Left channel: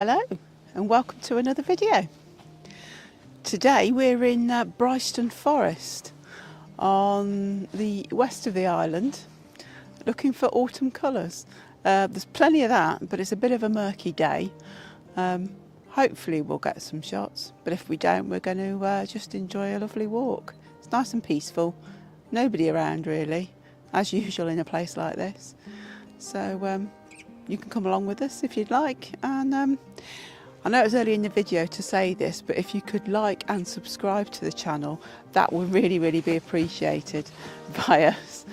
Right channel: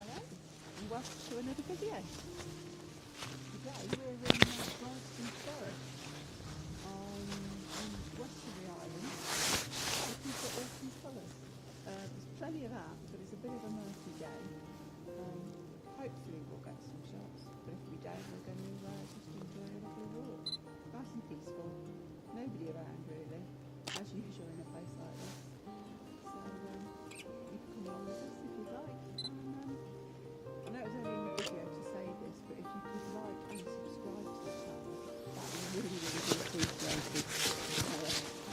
Hello and welcome to another video. Today we're in Brighstone Forest on the west of the island looking for autumn colours. There's plenty of that, but it's a bit of a murky day. Hopefully we'll get some shots, but if we don't, we're going to just enjoy a lovely walk. It's nice and peaceful, nobody around really, as usual in a place like this. So you can come along with us if you'd like, and I know it was early in the video to say this, but if you could like and subscribe to the channel, that would really be appreciated by us,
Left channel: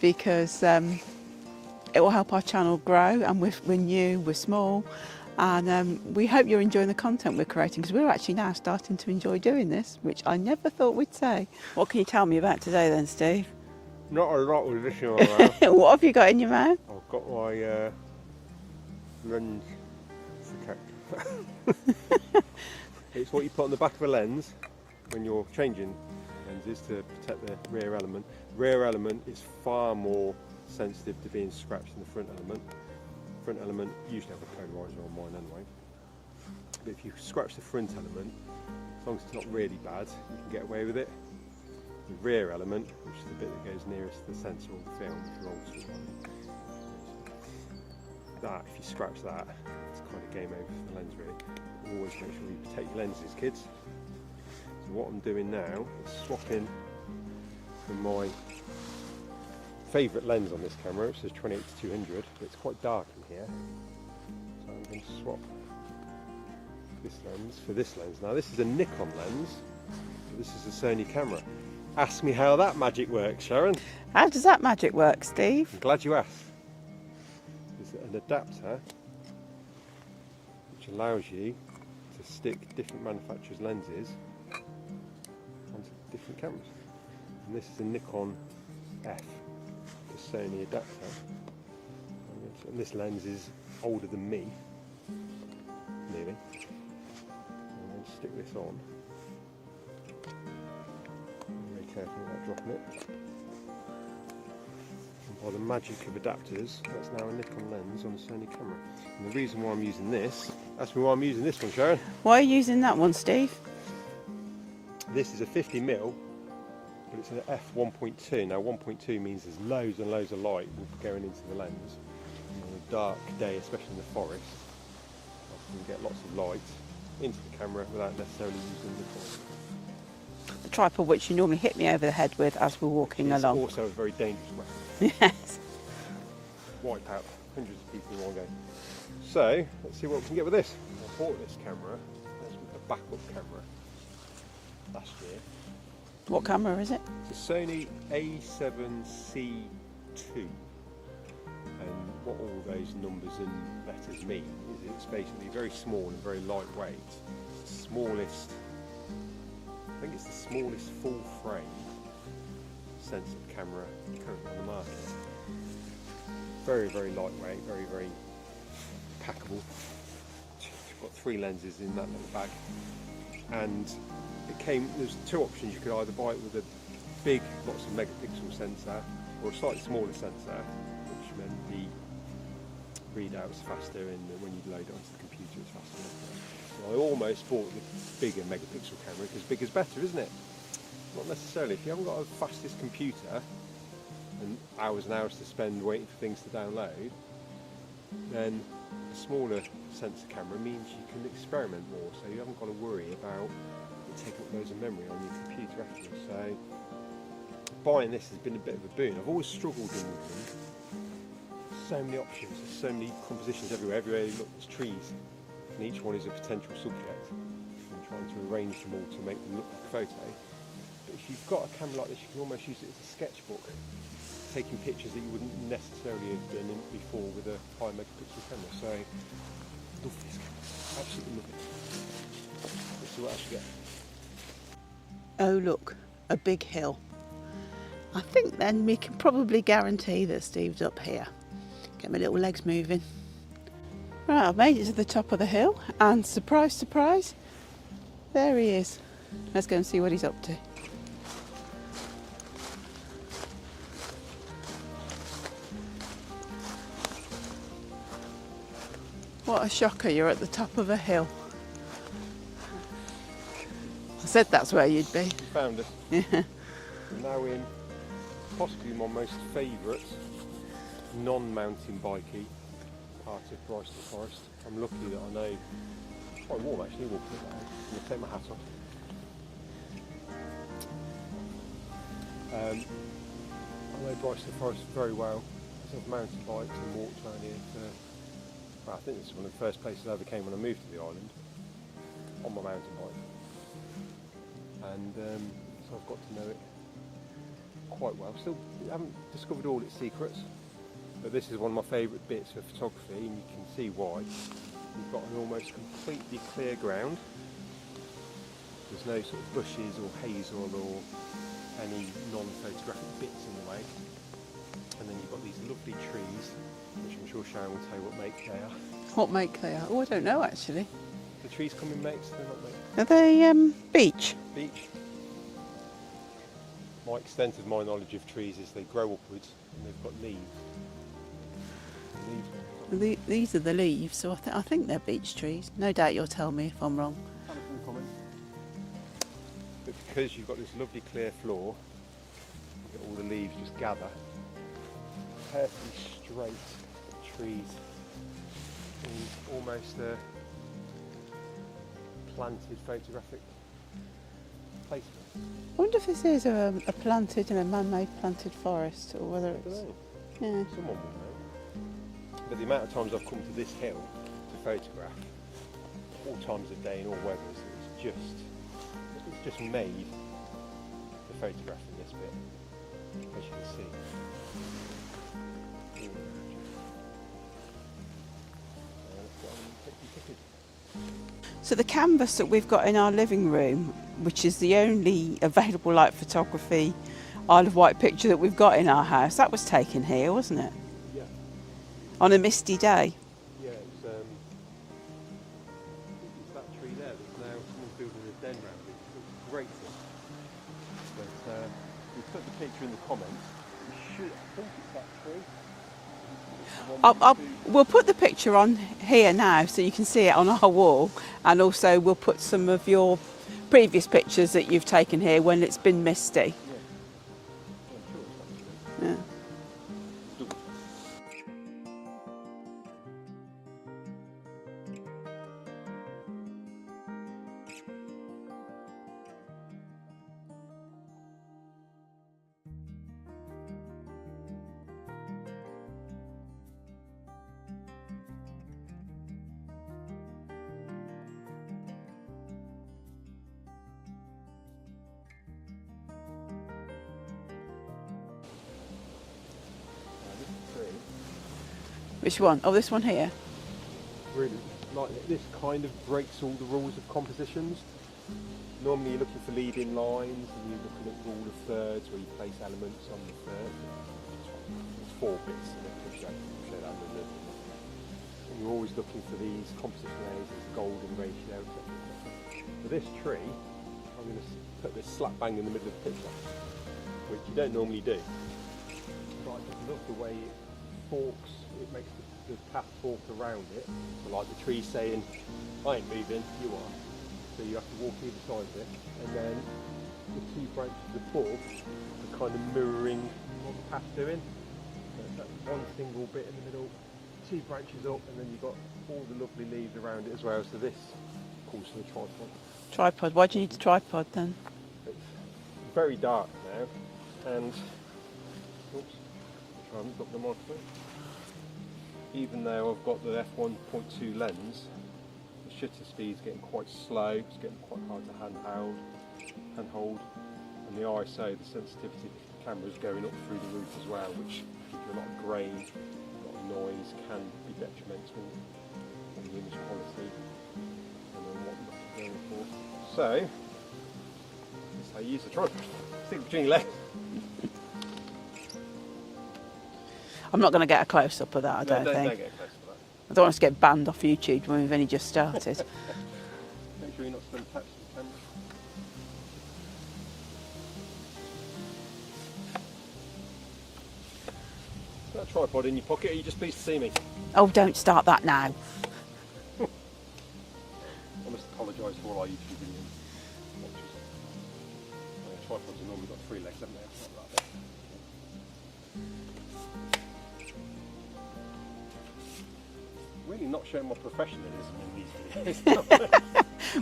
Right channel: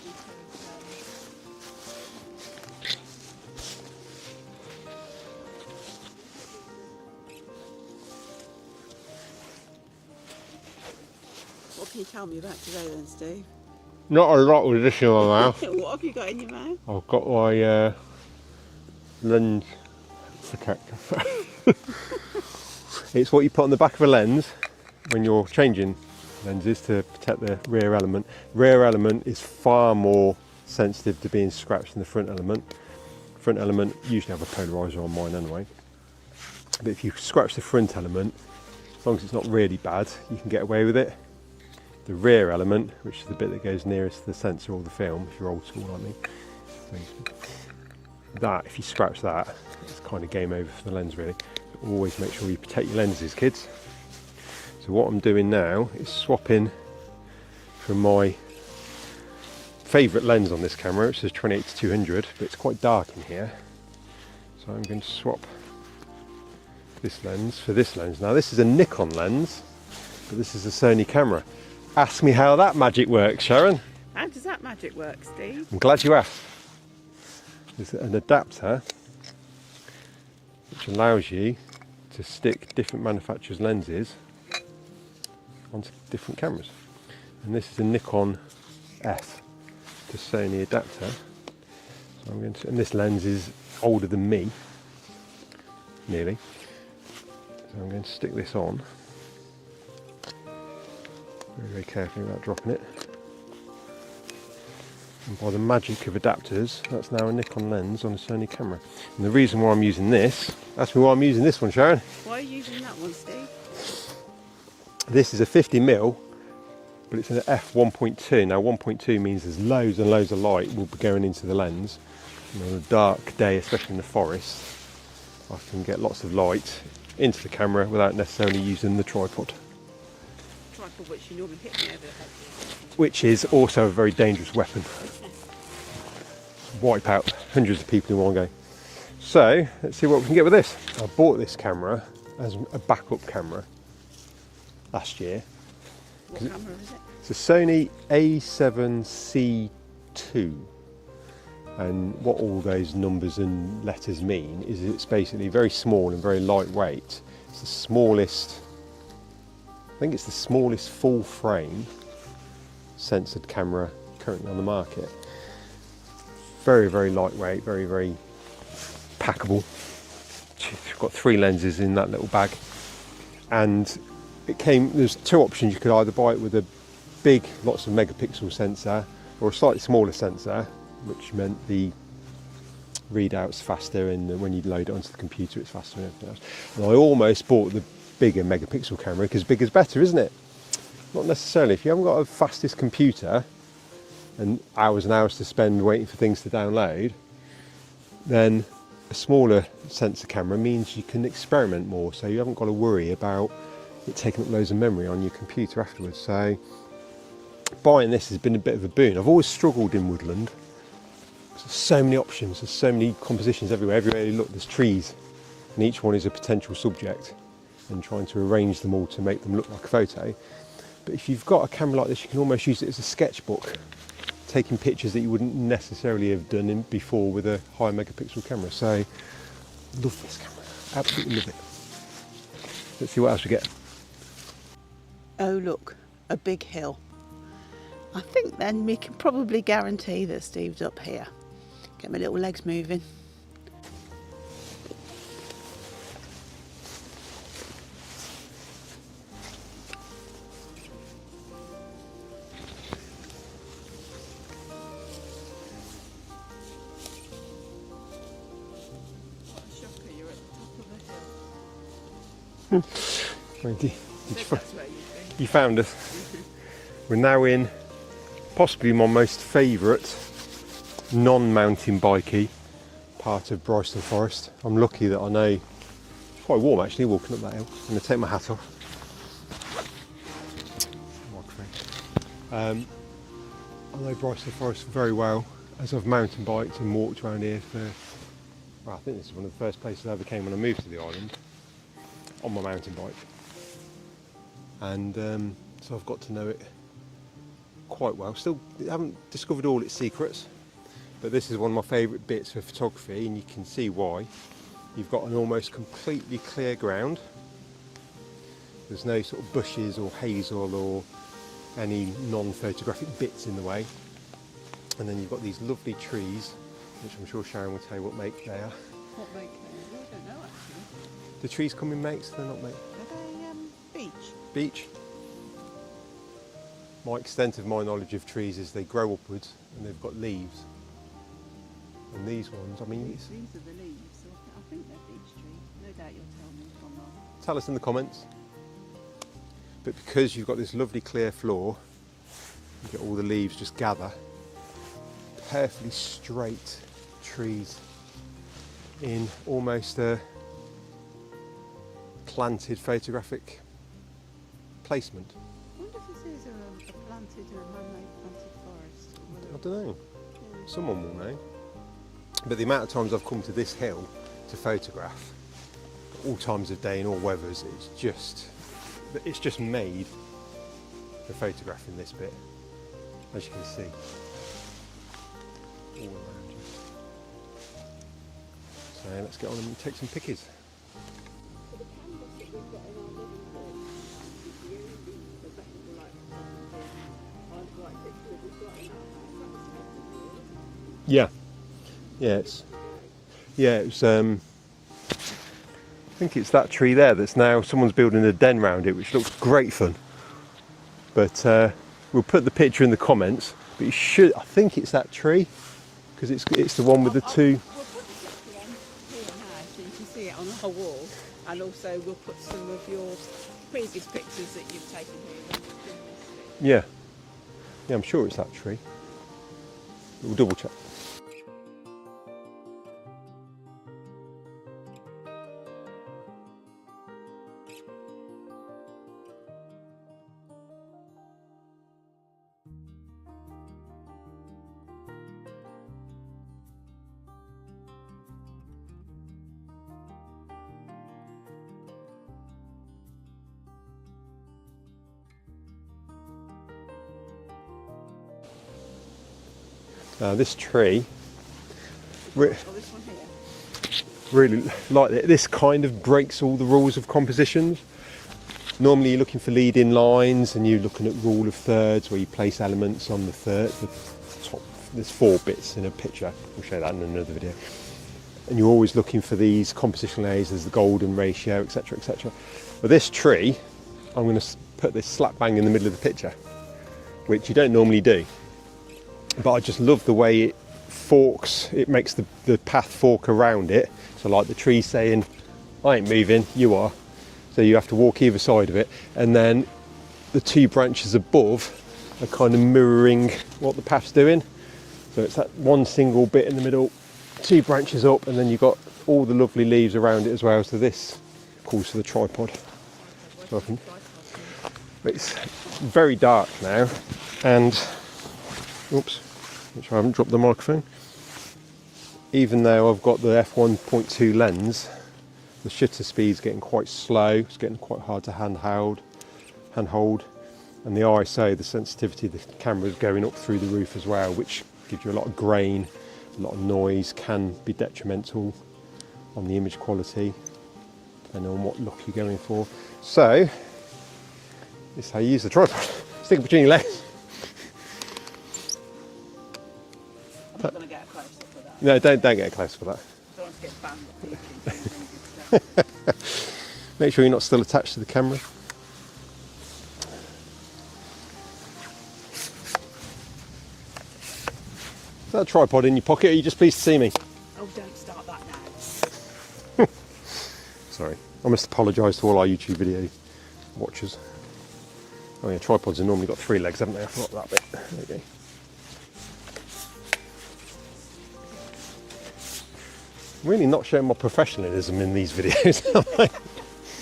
because it will help our channel grow, and we're new, we're small, and we hope you're enjoying the content we're creating, because we're actually now starting to enjoy doing this, which I never thought we'd say. What can you tell me about today then, Steve? Not a lot with this in my mouth. What have you got in your mouth? I've got my lens protector. It's what you put on the back of a lens when you're changing lenses to protect the rear element. Rear element is far more sensitive to being scratched than the front element. Front element usually have a polarizer on mine anyway. But if you scratch the front element, as long as it's not really bad, you can get away with it. The rear element, which is the bit that goes nearest to the sensor or the film, if you're old school like me, that, if you scratch that, it's kind of game over for the lens really. But always make sure you protect your lenses, kids. So what I'm doing now is swapping from my favourite lens on this camera, which is 28-200, but it's quite dark in here. So I'm going to swap this lens for this lens. Now this is a Nikon lens, but this is a Sony camera. Ask me how that magic works, Sharon. How does that magic work, Steve? I'm glad you asked. There's an adapter which allows you to stick different manufacturers' lenses onto different cameras. And this is a Nikon F to Sony adapter. So I'm going to, and this lens is older than me, nearly. So I'm going to stick this on. Very carefully without dropping it. And by the magic of adapters, that's now a Nikon lens on a Sony camera. And the reason why I'm using this, ask me why I'm using this one, Sharon. Why are you using that one, Steve? This is a 50mm, but it's an f1.2. Now 1.2 means there's loads and loads of light will be going into the lens. And on a dark day, especially in the forest, I can get lots of light into the camera without necessarily using the tripod. Tripod which you normally hit me over the head with as we're walking Which is along. also a very dangerous weapon. Yes. Wipe out hundreds of people in one go. So let's see what we can get with this. I bought this camera as a backup camera last year. What camera is it? It's a Sony a7cii, and what all those numbers and letters mean is it's basically very small and very lightweight. It's the smallest, I think it's the smallest full frame censored camera currently on the market. Very lightweight, very packable. You've got 3 lenses in that little bag, and it came, there's 2 options. You could either buy it with a big, lots of megapixel sensor, or a slightly smaller sensor, which meant the readout's faster, and when you load it onto the computer it's faster and everything else. And I almost bought the bigger megapixel camera, because bigger's better, isn't it? Not necessarily. If you haven't got a fastest computer and hours to spend waiting for things to download, then a smaller sensor camera means you can experiment more, so you haven't got to worry about it taking up loads of memory on your computer afterwards. So buying this has been a bit of a boon. I've always struggled in woodland. There's so many options, there's so many compositions everywhere. Everywhere you look, there's trees, and each one is a potential subject, and trying to arrange them all to make them look like a photo. But if you've got a camera like this, you can almost use it as a sketchbook, taking pictures that you wouldn't necessarily have done before with a high megapixel camera. So love this camera, absolutely love it. Let's see what else we get. Oh look, a big hill. I think then we can probably guarantee that Steve's up here. Get my little legs moving. Right, I've made it to the top of the hill, and surprise, surprise, there he is. Let's go and see what he's up to. What a shocker, you're at the top of a hill. Thank you. I said that's where you'd be. You found us. We're now in possibly my most favourite non-mountain bikey part of Brighstone Forest. I'm lucky that I know it's quite warm actually walking up that hill. I'm going to take my hat off. I know Brighstone Forest very well as I've mountain biked and walked around here for, well, I think this is one of the first places I ever came when I moved to the island on my mountain bike. And so I've got to know it quite well. Still haven't discovered all its secrets, but this is one of my favourite bits of photography, and you can see why. You've got an almost completely clear ground. There's no sort of bushes or hazel or any non-photographic bits in the way. And then you've got these lovely trees, which I'm sure Sharon will tell you what make they are. What make they are? Oh, I don't know actually. The trees come in makes, they're not makes. Are they beech? Beech. My extent of my knowledge of trees is they grow upwards and they've got leaves. And these ones, I mean... These are the leaves, so I think they're beech trees. No doubt you'll tell me if I'm wrong. Tell us in the comments. But because you've got this lovely clear floor, you get all the leaves just gather. Perfectly straight trees in almost a planted photographic placement. I wonder if this is a planted, man-made planted forest, or whether it's... I don't know. Yeah. Someone will know. But the amount of times I've come to this hill to photograph, all times of day and all weathers, it's just made for photographing this bit, as you can see. So let's get on and take some pictures. So the canvas that we've got in our living room, which is the only available light photography Isle of Wight picture that we've got in our house, that was taken here, wasn't it? Yeah. On a misty day. Yeah, it was. I think it's that tree there that's now someone's building a den around it, which looks great fun. But we'll put the picture in the comments. But you should. I think it's that tree because it's the one with the two. We'll put the picture on here now so you can see it on our wall, and also we'll put some of your previous pictures that you've taken here when it's been misty. Yeah. Yeah, I'm sure it's that tree. Yeah. We'll double check. This tree. Which one? Oh, this one here. Really like it. This kind of breaks all the rules of compositions. Normally you're looking for lead-in lines and you're looking at rule of thirds where you place elements on the top. There's 4 bits in a picture. We'll show that in another video. And you're always looking for these compositional layers, there's the golden ratio, etc, etc. But this tree, I'm going to put this slap bang in the middle of the picture, which you don't normally do. But I just love the way it forks, it makes the path fork around it. So like the tree saying, I ain't moving, you are. So you have to walk either side of it. And then the 2 branches above are kind of mirroring what the path's doing. So it's that one single bit in the middle, 2 branches up, and then you've got all the lovely leaves around it as well. So this calls for the tripod. Tripod, why do you need a tripod then? It's very dark now, and oops, make sure I haven't dropped the microphone. Even though I've got the f1.2 lens, the shutter speed's getting quite slow. It's getting quite hard to handhold, and the ISO, the sensitivity of the camera is going up through the roof as well, which gives you a lot of grain, a lot of noise, can be detrimental on the image quality, depending on what look you're going for. So, this is how you use the tripod. Stick it between your legs. I'm not going to get a close-up of that. No, don't get a close for that. I don't want us to get banned off YouTube when we've only just started. Make sure you're not still attached to the camera. Is that a tripod in your pocket, or are you just pleased to see me? Oh, don't start that now. Sorry, I must apologise to all our YouTube video watchers. Oh yeah, tripods have normally got 3 legs, haven't they? I forgot that bit. There we go. Really not showing my professionalism in these videos, am I?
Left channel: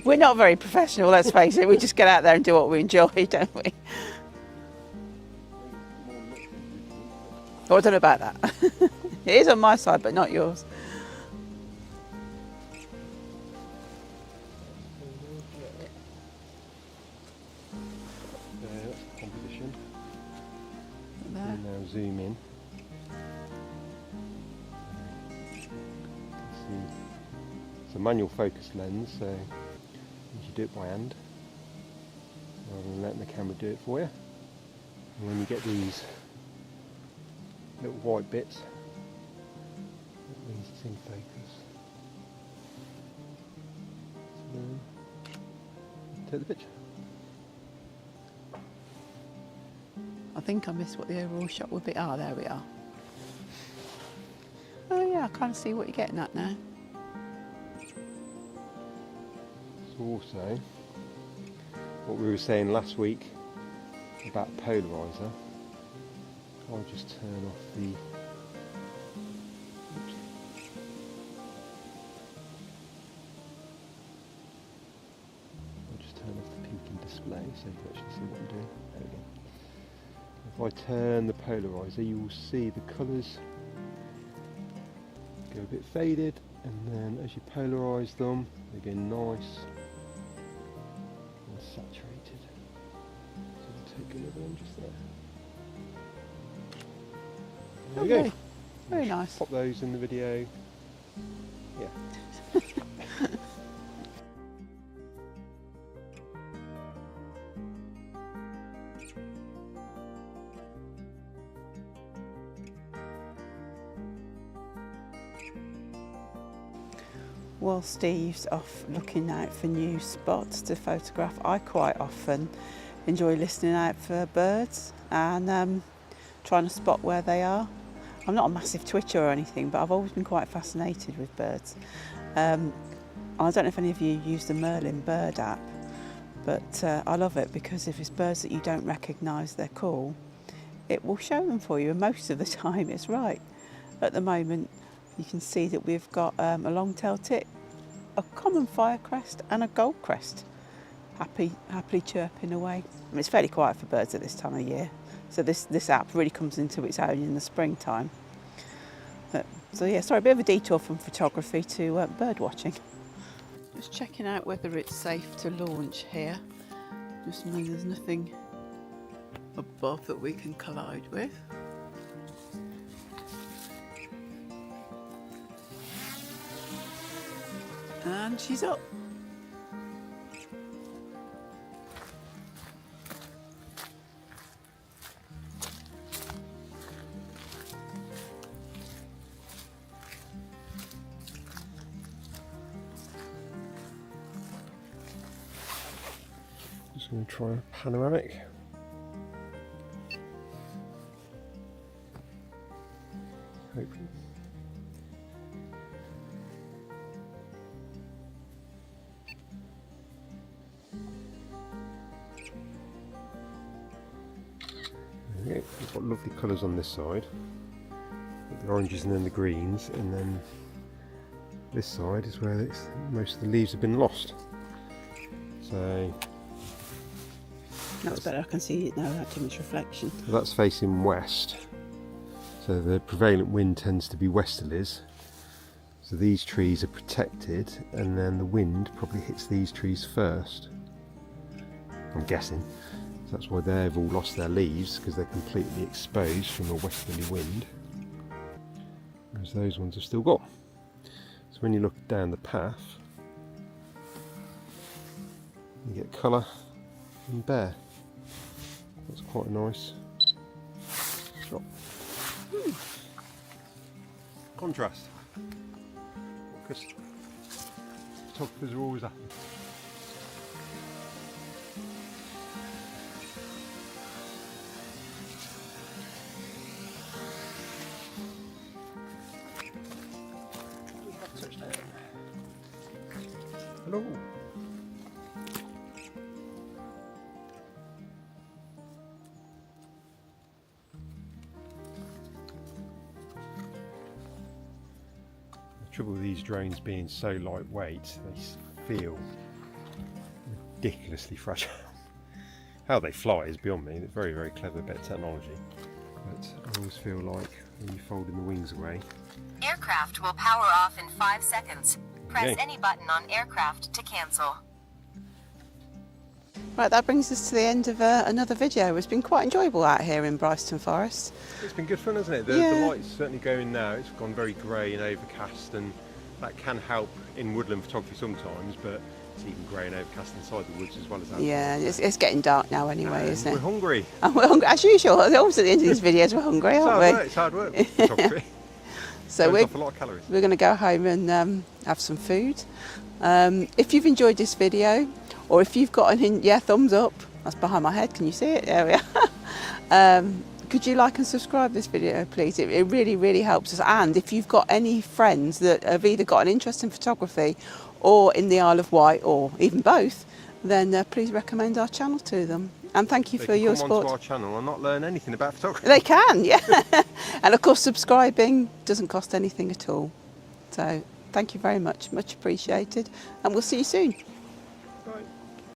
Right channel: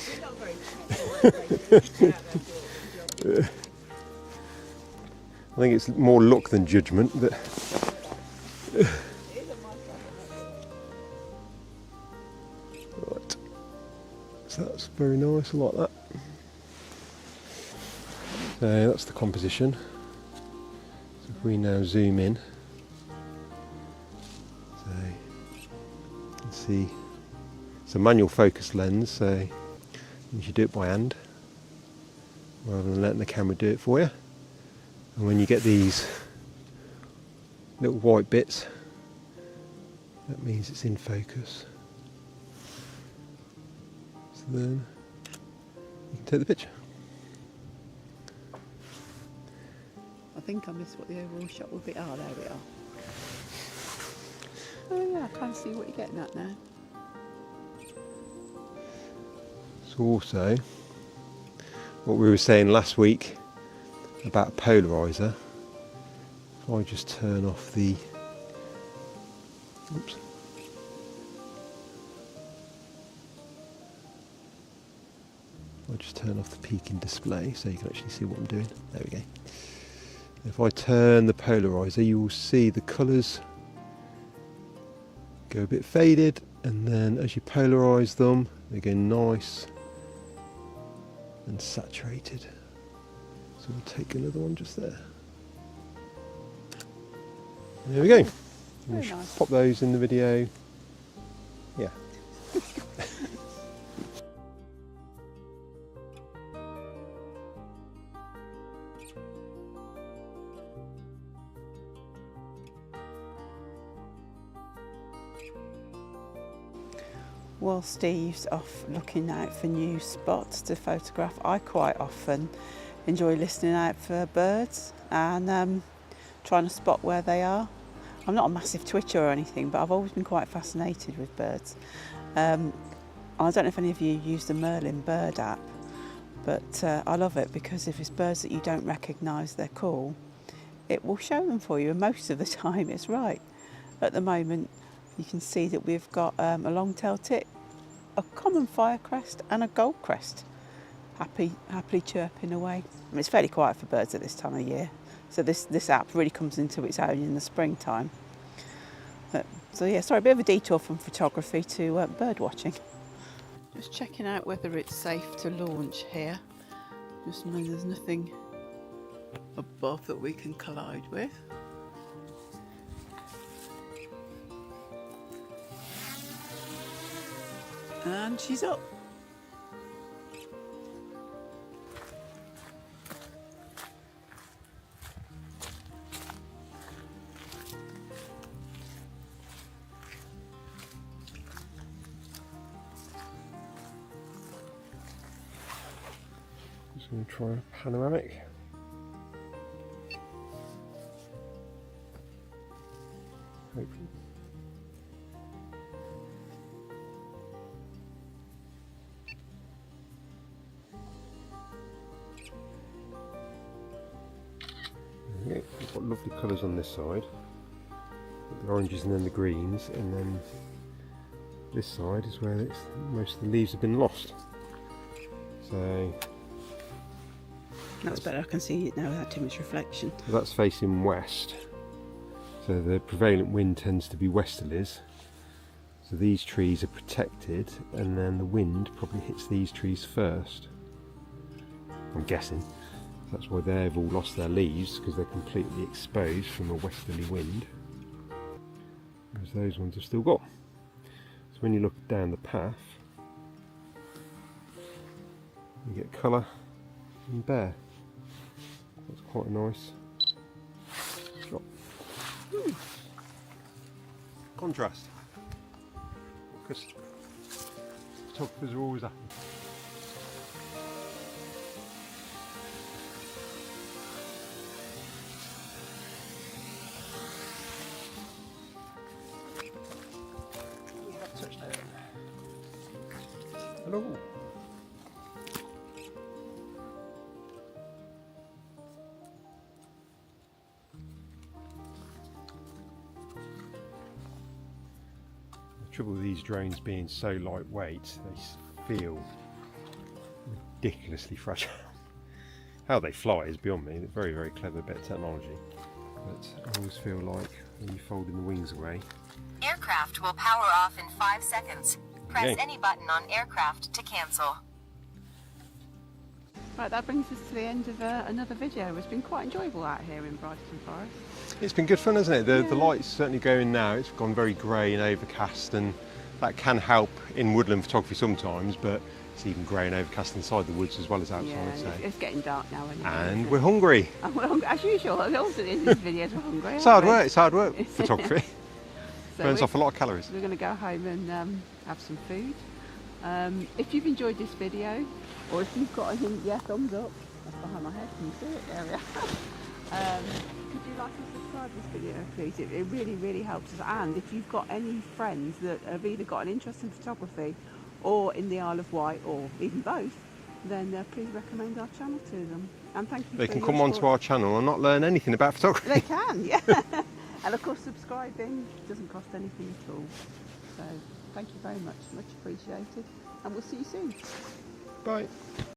We're not very professional, let's face it. We just get out there and do what we enjoy, don't we? I think it's more luck than judgment. But Oh, I don't know about that. It is on my side, but not yours. right. So that's very nice, I like that. So that's the composition. So we now zoom in. So you can see it's a manual focus lens, so you should do it by hand rather than letting the camera do it for you. And when you get these little white bits, that means it's in focus. So then take the picture. I think I missed what the overall shot would be. Ah, there we are. Oh yeah, I kind of see what you're getting at now. So also, what we were saying last week about a polarizer, if I just turn off the, oops, I'll just turn off the peaking display so you can actually see what I'm doing. There we go. If I turn the polarizer, you will see the colours go a bit faded, and then as you polarise them, they go nice and saturated. So we'll take another one just there. There we go. Very We should nice. pop those in the video. Yeah. While Steve's off looking out for new spots to photograph, I quite often enjoy listening out for birds and trying to spot where they are. I'm not a massive twitcher or anything, but I've always been quite fascinated with birds. I don't know if any of you use the Merlin bird app, but I love it because if it's birds that you don't recognise their call, it will show them for you, and most of the time it's right. At the moment, you can see that we've got a long-tailed tit, a common firecrest and a goldcrest happily chirping away. I mean, it's fairly quiet for birds at this time of year, so this app really comes into its own in the springtime. So yeah, sorry, a bit of a detour from photography to bird watching. Just checking out whether it's safe to launch here, just when there's nothing above that we can collide with. And she's up. Just going to try a panoramic. Hopefully. Okay, we've got lovely colours on this side, the oranges and then the greens, and then this side is where most of the leaves have been lost. So That's better, I can see it now without too much reflection. that's facing west, so the prevalent wind tends to be westerlies, so these trees are protected, and then the wind probably hits these trees first, I'm guessing. That's why they've all lost their leaves, because they're completely exposed from a westerly wind, whereas those ones have still got. So when you look down the path, you get colour and bare. That's quite a nice shot. Contrast, because photographers are always happy. Hello. Oh. The trouble with these drones being so lightweight, they feel ridiculously fragile. How they fly is beyond me. They're very, very clever bit of technology. But I always feel like when you're folding the wings away. Aircraft will power off in 5 seconds. Press Okay. any button on aircraft to cancel. Right, that brings us to the end of another video. It's been quite enjoyable out here in Brighstone Forest. It's been good fun, hasn't it? The Yeah. light's certainly going now. It's gone very grey and overcast, and that can help in woodland photography sometimes, but it's even grey and overcast inside the woods as well as outside. Yeah, so. it's getting dark now anyway, And isn't we're it? hungry. And we're hungry, as usual. Always at the end of these videos, we're hungry, It's aren't hard we? work. It's hard work. Photography So burns we're, off a lot of calories. we're going to go home and have some food. If you've enjoyed this video, or if you've got thumbs up. That's behind my head. Can you see it? There we are. Could you like and subscribe this video, please? It really, really helps us. And if you've got any friends that have either got an interest in photography or in the Isle of Wight, or even both, then please recommend our channel to them. And thank you They for can your come support. onto our channel and not learn anything about photography. They can, yeah. And of course, subscribing doesn't cost anything at all. So thank you very much, much appreciated. And we'll see you soon. Bye.